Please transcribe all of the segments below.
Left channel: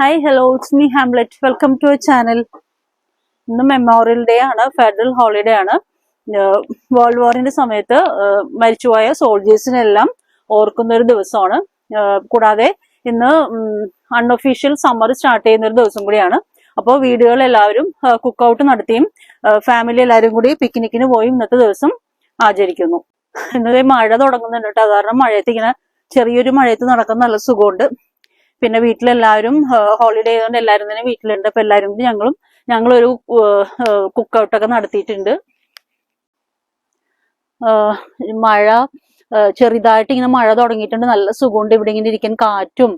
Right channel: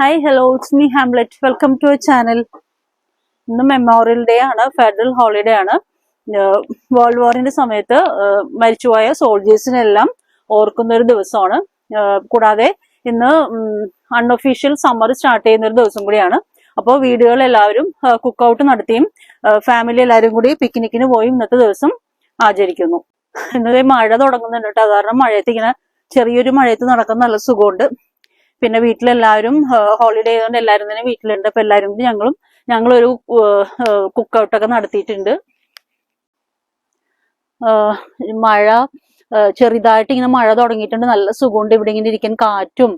Hi, hello, it's me Hamlet. Welcome to our channel. ഇന്ന് memorial day ആണ്, federal holiday ആണ്. World വാറിന്റെ സമയത്ത് മരിച്ചുപോയ സോൾജേഴ്സിനെല്ലാം ഓർക്കുന്ന ഒരു ദിവസമാണ്. കൂടാതെ ഇന്ന് അൺഒഫീഷ്യൽ സമ്മർ സ്റ്റാർട്ട് ചെയ്യുന്ന ഒരു ദിവസം കൂടിയാണ്. അപ്പോൾ വീടുകളിൽ എല്ലാവരും കുക്ക് ഔട്ട് നടത്തിയും ഫാമിലി എല്ലാവരും കൂടി പിക്നിക്കിന് പോയി ഇന്നത്തെ ദിവസം ആചരിക്കുന്നു. ഇന്നത്തെ മഴ തുടങ്ങുന്നുണ്ട് കേട്ടോ. കാരണം മഴയത്ത് ഇങ്ങനെ ചെറിയൊരു മഴയത്ത് നടക്കുന്ന നല്ല സുഖമുണ്ട്. പിന്നെ വീട്ടിലെല്ലാവരും ഹോളിഡേ ആയതുകൊണ്ട് എല്ലാവരും തന്നെ വീട്ടിലുണ്ട്. അപ്പൊ എല്ലാവരും കൂടി ഞങ്ങളൊരു കുക്ക് ഔട്ടൊക്കെ നടത്തിയിട്ടുണ്ട്. മഴ ചെറുതായിട്ട് ഇങ്ങനെ മഴ തുടങ്ങിയിട്ടുണ്ട്. നല്ല സുഖമുണ്ട് ഇവിടെ ഇങ്ങനെ ഇരിക്കാൻ, കാറ്റും.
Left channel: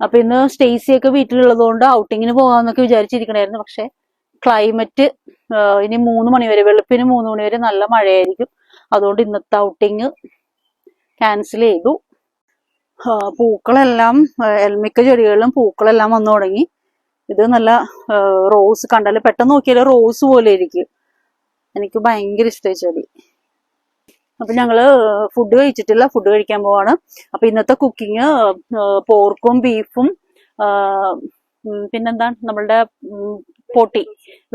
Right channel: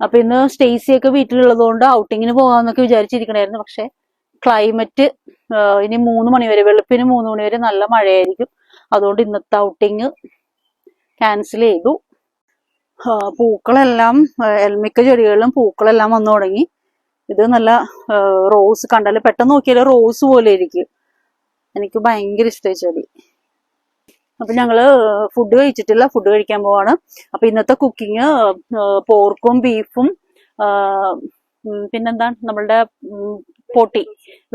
അപ്പൊ ഇന്ന് സ്റ്റേസിയൊക്കെ വീട്ടിലുള്ളത് കൊണ്ട് ഔട്ടിങ്ങിന് പോകാന്നൊക്കെ വിചാരിച്ചിരിക്കണായിരുന്നു. പക്ഷെ ക്ലൈമറ്റ് ഇനി 3 മണി വരെ, വെളുപ്പിന് 3 മണി വരെ നല്ല മഴയായിരിക്കും. അതുകൊണ്ട് ഇന്നത്തെ ഔട്ടിങ് ക്യാൻസൽ ചെയ്തു. പൂക്കളെല്ലാം മിക്ക ചെടികളിലും പൂക്കളെല്ലാം വന്നു തുടങ്ങി. ഇത് നല്ല റോസ്, കണ്ടാല് പെട്ടെന്ന് നോക്കിയാൽ റോസ് പോലെ ഇരിക്കും. എനിക്ക് ഭയങ്കര ഇഷ്ടമായി ചെടി. അപ്പൊ ഞങ്ങള് ഫുഡ് കഴിച്ചിട്ടില്ല, ഫുഡ് കഴിക്കാൻ പോവാണ്. അപ്പൊ ഇന്നത്തെ കുക്കിങ് പോർക്കും ബീഫും പിന്നെന്താണ് നമ്മളുടെ പോട്ടി,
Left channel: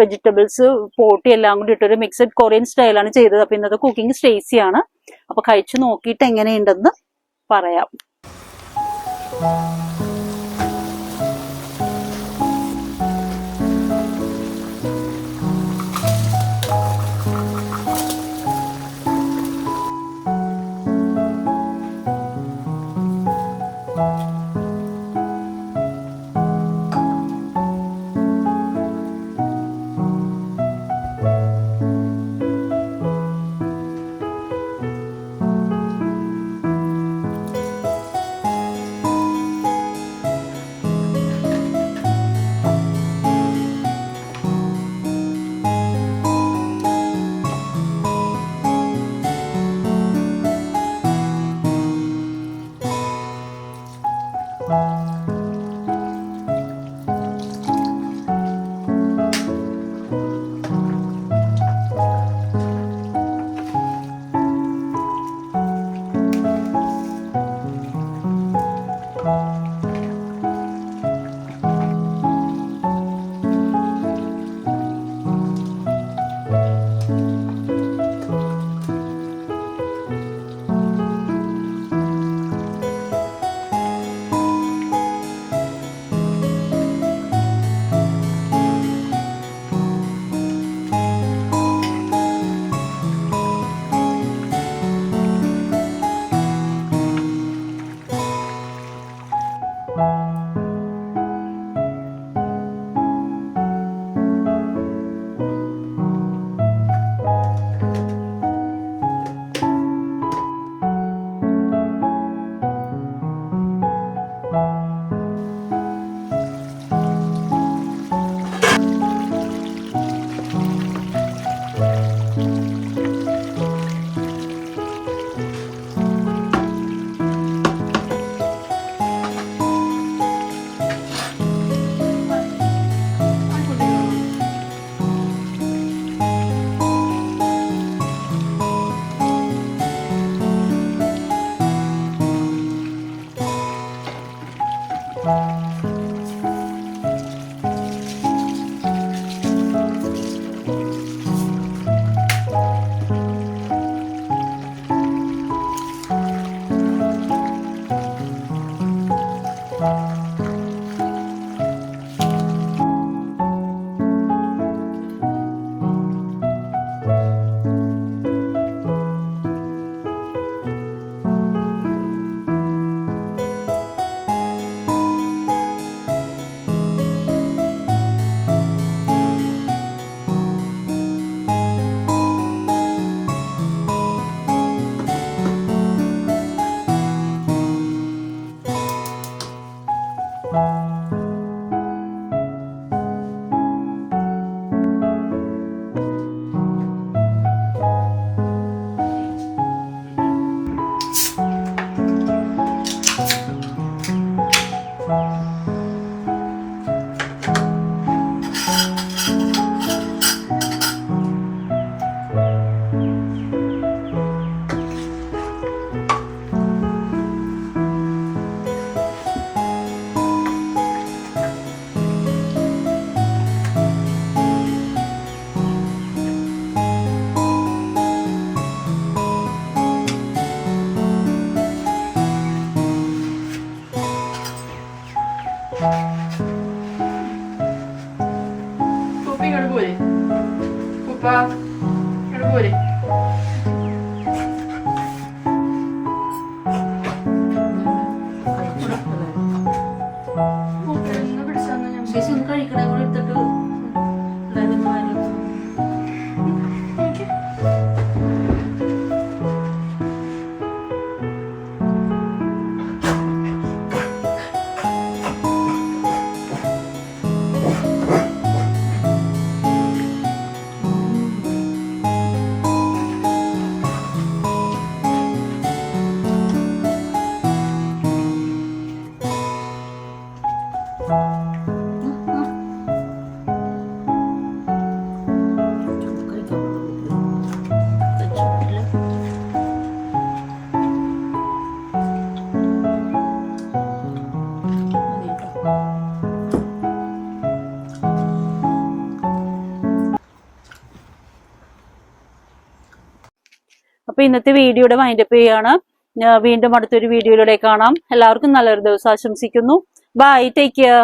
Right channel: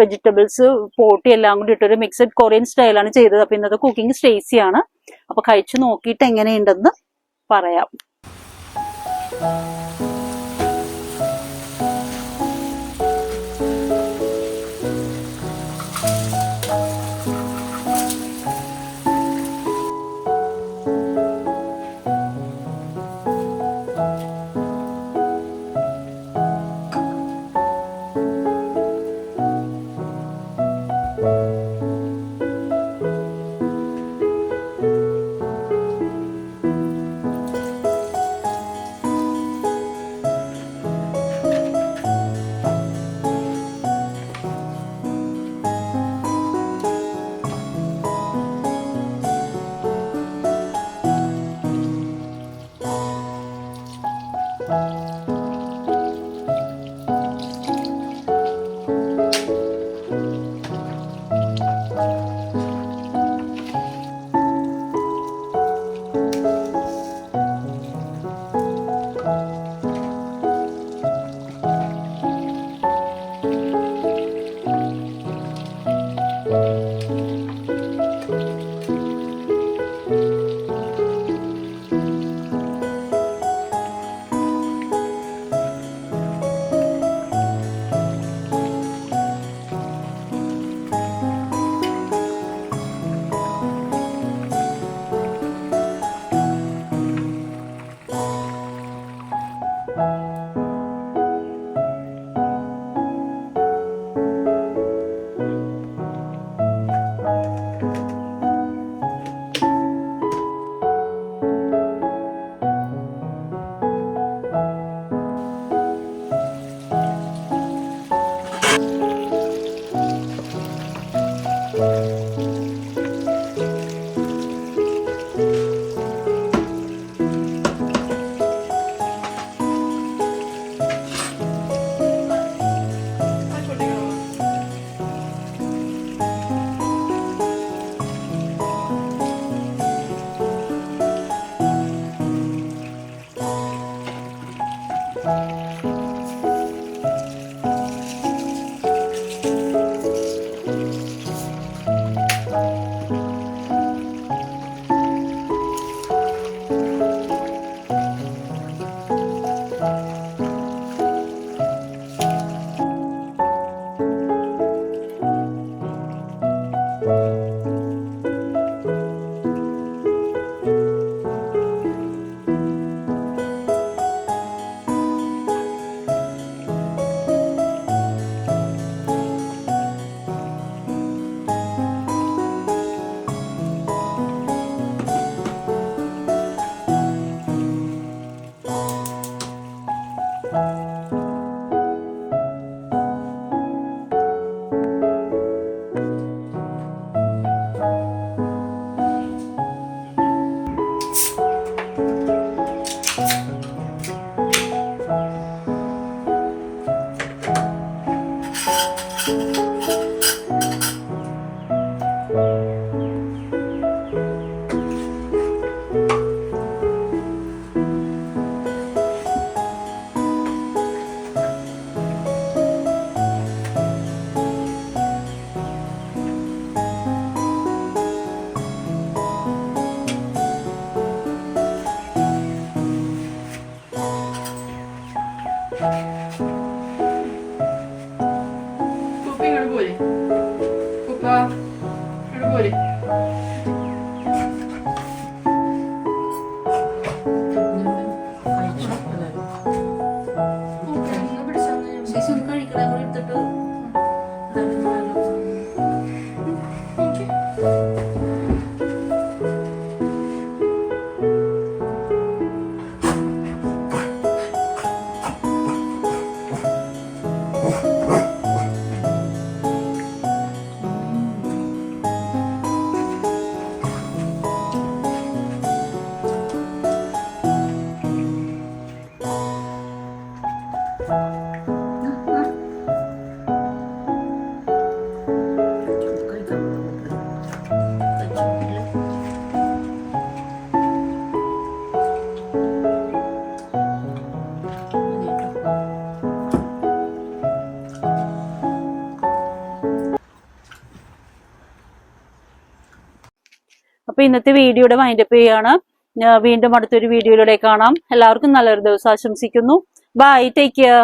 വെജിറ്റബിൾസ് പോട്ടി എല്ലാം കൂടി ഇട്ടൊരു മിക്സഡ് കൊറിയൻ സ്റ്റൈലാണ് ചെയ്തത്. അപ്പൊ ഇന്നത്തെ കുക്കിംഗ് സ്റ്റേസിയാണ്. അപ്പൊ കഴിച്ചു നോക്കിയിട്ട് എങ്ങനെയുണ്ടെന്ന് പറയാം. കുപ്പി ഇങ്ങോട്ട് പോരെ കുപ്പ ഇങ്ങോട്ട് പോരെ കഴിക്കണ കൂടെ എടുത്തിട്ട് അപ്പൊ ഇന്നത്തെ വീഡിയോയുടെ വൈൻഡപ്പ് ചെയ്യാണ്. വീണ്ടും അടുത്തൊരു വീഡിയോയിലൂടെ കാണാം. എല്ലാവർക്കും നല്ലൊരു ദിവസം ആശംസിക്കുന്നു. Bye, take care.